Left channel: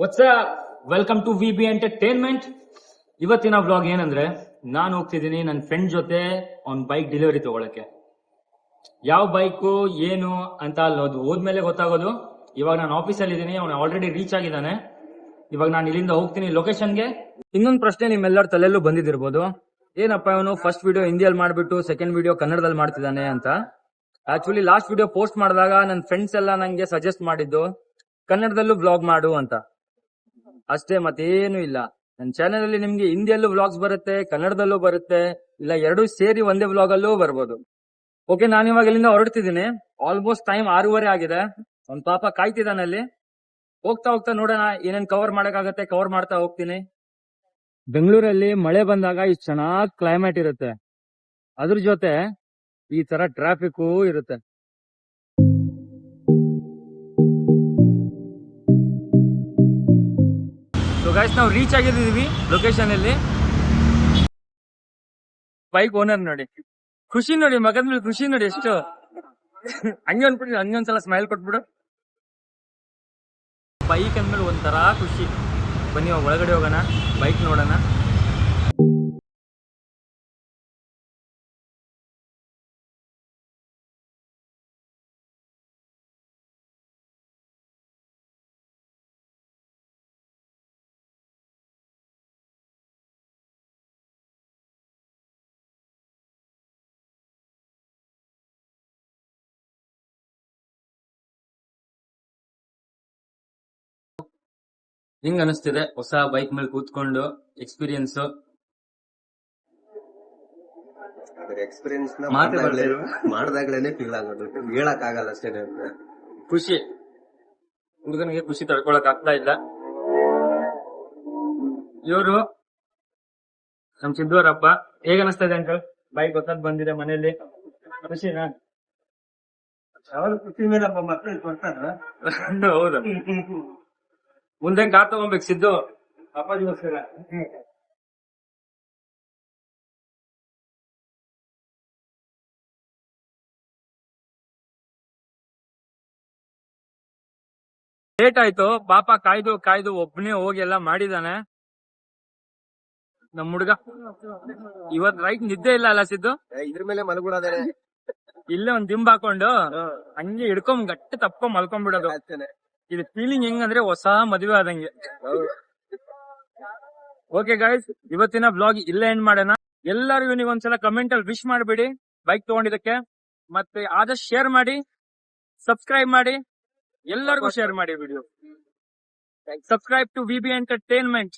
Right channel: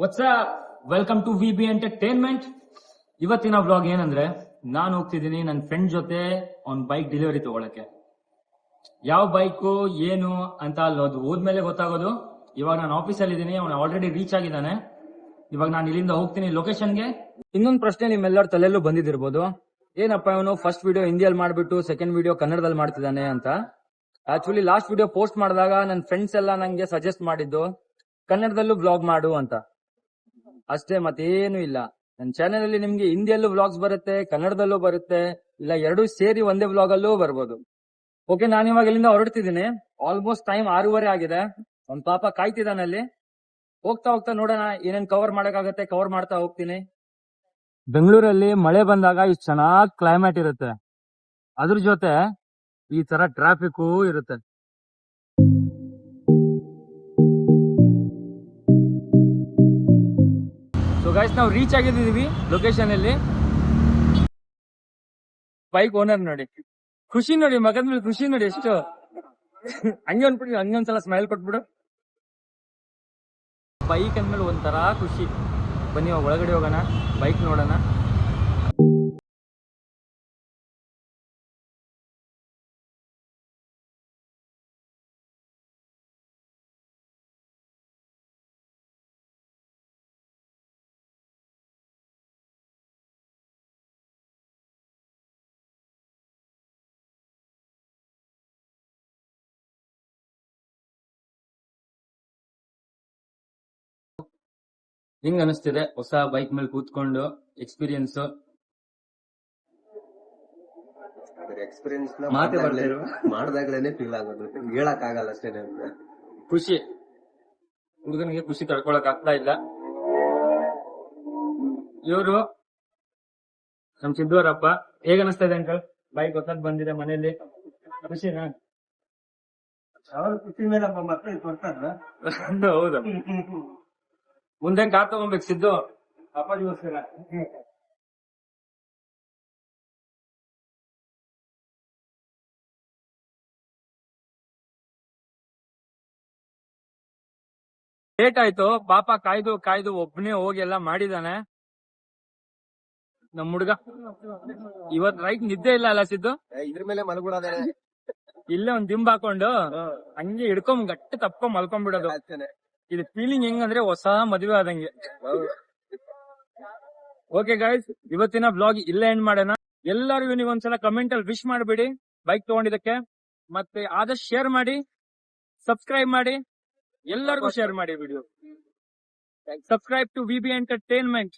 What's welcome to V B entertainment. ಇವತ್ತಿನ vlog ಏನಂದ್ರೆ, ನಾನು ಹೋಗ್ತಿದ್ದೀನಿ ನನ್ನ ಫ್ರೆಂಡ್ ಜೊತೆ ಅವ್ನ ಬೈಕ್ ಡೆಲಿವರಿ ತಗೊಳಕ್ಕೆ. ಯಾವ ಬೈಕು ಏನು ಅಂತ ಅಲ್ಲಿ ಹೋದ್ಮೇಲೆ ಗೊತ್ತಾಗೋದು. ಇವಾಗ ನಾನು ಆಫೀಸಲ್ಲಿ ಇದ್ದೀನಿ, ಅವನು ಆಲ್ರೆಡಿ ರೀಚ್ ಆಗಿದ್ದಾನೆ. ಇವಾಗ ನಾನು ಇಲ್ಲಿಂದ ಹೋಗ್ತೀನಿ ಲೊಕೇಶನ್ಗೆ. ಇನ್ನೊಂದು ಪ್ರಶ್ನೆ ನಿಮ್ಮೆಲ್ಲರ ತಲೆಯಲ್ಲೂ ಬಂದಿದಿರ್ಬೋದು, ಏನಪ್ಪ ಇವನು ಫಸ್ಟ್ ವಿಡಿಯೋ ಹಿಂದಿಯಲ್ಲಿ ಮಾಡ್ಬಿಟ್ಟು ಸೆಕೆಂಡ್ ವಿಡಿಯೋ ಕನ್ನಡದಲ್ಲಿ ಮಾಡ್ತಿದ್ದಾನೆ ಅಂತ. ಆಕ್ಚುಲಿ ಲಾಸ್ಟ್ ವಿಡಿಯೋ ಪೋಸ್ಟ್ ಮಾಡಿದಾಗ ನನ್ನ ಫ್ರೆಂಡ್ಸ್ ಎಲ್ಲ ನಂಗೆ ಸಜೆಸ್ಟ್ ಮಾಡಿದ್ದು ಕನ್ನಡದಲ್ಲೂ ವ್ಲಾಗ್ ಮಾಡು ಅಂತ. ಅಷ್ಟೇ, ಮತ್ತೇನು ಇಲ್ಲ. ನನ್ನ ಚಾನೆಲ್ ಅಲ್ಲಿ ನಿಮ್ಗೆ ಹಿಂದಿಯಲ್ಲೂ ವ್ಲಾಗ್ಸ್ ಬರುತ್ತೆ, ಕನ್ನಡದಲ್ಲೂ ಬರುತ್ತೆ, ಇಲ್ಲ ಎರಡೂ ಸೇರಿ ಒಂದೇ ವ್ಲಾಗ್ ಅಲ್ಲೂ ಬರ್ಬೋದು. ಓಕೆ, ನಾನು ಇವಾಗ ಇಲ್ಲಿಂದ ಹೊರಡ್ತಿದ್ದೀನಿ. ಆಲ್ಮೋಸ್ಟ್ ಟೈಮ್ 6:30 ಆಗಿದೆ. ಅವ್ನ ಪಾಪ ಕಾಯ್ತಿದ್ದಾನೆ ಅಲ್ಲಿ. ಹೋಗ್ತಾ ಹೋಗ್ತಾ ನೋಡೋಣ ಏನೇನ್ ಕವರ್ ಮಾಡಕ್ಕಾಗತ್ತೆ, ಕವರ್ ಮಾಡ್ತಾ ಹೋಗ್ತೀನಿ. ಬೆಂಗಳೂರಲ್ಲಿ ಮಳೆ ಬಂದಾಗ ಇಷ್ಟು ಚೆನ್ನಾಗಿ ಕ್ಲೈಮೇಟ್ ಇರುತ್ತೆ, ಅದ್ರ ಜೊತೆ ಈ ತರ ಟ್ರಾಫಿಕ್ ಇರುತ್ತೆ. ನಾವು ರೀಚ್ ಆಗಿದ್ದೀವಿ ಲೊಕೇಶನ್ ಅಲ್ಲಿ. ಬೈಕ್ ಓನರ್ ನೋಡಿ, ಖುಷಿ ನೋಡಿ, ಮಗದ ಮೇಲೆ ಖುಷಿ ನೋಡಿ ಎಷ್ಟು. ಹಂಗೆ ಅನ್ಬಿಟ್ಟು ಹಂಗೊಂದ್ಸಲ ಸ್ಮೈಲ್ ಕೊಟ್ಬಿಡು. ಬೈಕ್ ಅಂದ್ಮೇಲೆ ಒಂಥರ ಖುಷಿ. ಬನ್ನಿ ಒಳಗಡೆ ಹೋಗೋಣ, ಬೈಕ್ ನೋಡೋಣ. ಹೆಂಗ್ ಅನಿಸ್ತಿದೆ ಹೊಸ ಬೈಕ್ ಮೇಲೆ ಕೂತ್ಕೊಂಡು ಎಕ್ಸ್ಪೀರಿಯನ್ಸ್? ಎಕ್ಸ್ಪೀರಿಯನ್ಸ್ ಮಾಡಿದಾಗ್ಲೇನೆ ಫೀಲ್ ಆಗೋದು, ಹೇಳಕ್ ಆಗಲ್ಲ ಅಷ್ಟೇ. ಖುಷಿ, ಹುಡುಗನಿಗೆ ಖುಷಿ ತಡ್ಕೊಳಕ್ ಆಗ್ತಾ ಇಲ್ಲ. ಇವರು ನಮ್ ಸಿದ್ದವರಪ್ಪ. ಹೇಗ ಅನಿಸ್ತಾ ಇದೆ ಅಂಕಲ್? ಬೈಕ್ ಹೊಸದ್ ಬಂದಿದೆ ಮನೆಯಲ್ಲಿ, ಖುಷಿನಾ? ಖುಷಿ ಮೇಲಪ್ಪ, ಮಕ್ಕಳು ಕೊಡ್ತಾರ. ಹೌದು, ಮುಂದೆ ಕಾರ್ ತಗೊಂಬೇಕು ಸಿದ್ದು ಅಪ್ಪಾಜಿಗೋಸ್ಕರ. ಲೇಟ್ ಆಯ್ತು, ಪಾಪ ಕಾಯ್ದು ಕಾಯ್ದು ಒಬ್ಬನೇ ಹೋಗಿ ಎಲ್ಲ ಮಾಡಿದಾನೆ ನಮ್ ಹುಡ್ಗ. ಇವತ್ ರೈಟ್ ನಿದ್ದೆ ಇಲ್ಲ ಅಲ್ಲ ಸಿದ್ದು? ಇದ್ರ ಮೇಲೆ ಮಲ್ಬಿಡೋದೇ, ಇಲ್ಲೇ ಒಂದ್ ದಿಂಬ್ ಹಾಕೊಂಡು ಹಂಗೆ ಹಿಡ್ಕೊಂಡ್ ಗಟ್ಟಿ ತಪ್ಕೊಂಡ್ ಮಲ್ಕೊಂಡ್ಬಿಡೋದು. ಇದು ಫೀಲಿಂಗ್ ಹೆಂಗಂದ್ರೆ ಹೊಸ ಮದುವೆ ಆದಂಗೆ. ಓಕೆ ಗೈಸ್, ಇವತ್ತಿನ ಬ್ಲಾಗ್ ಇಲ್ಲೇ ಎಂಡ್ ಮಾಡೋಣ. ಎಲ್ಲರಿಗೂ ನೀವು ಒಂದ್ಸಲ ಕಮೆಂಟ್ ಅಲ್ಲಿ ವಿಶ್ ಮಾಡ್ಬಿಡಿ ಬೈಕ್ ತಗೊಂಡಿದ್ದಕ್ಕೆ. ಮತ್ತೆ ಆದಷ್ಟು ಶೇರ್ ಮಾಡಿ, ಸಬ್ಸ್ಕ್ರೈಬ್ ಮಾಡಿ, ಎಲ್ಲರಿಗೂ ಶೇರ್ ಮಾಡಿ video. Subscribe to V B entertainment.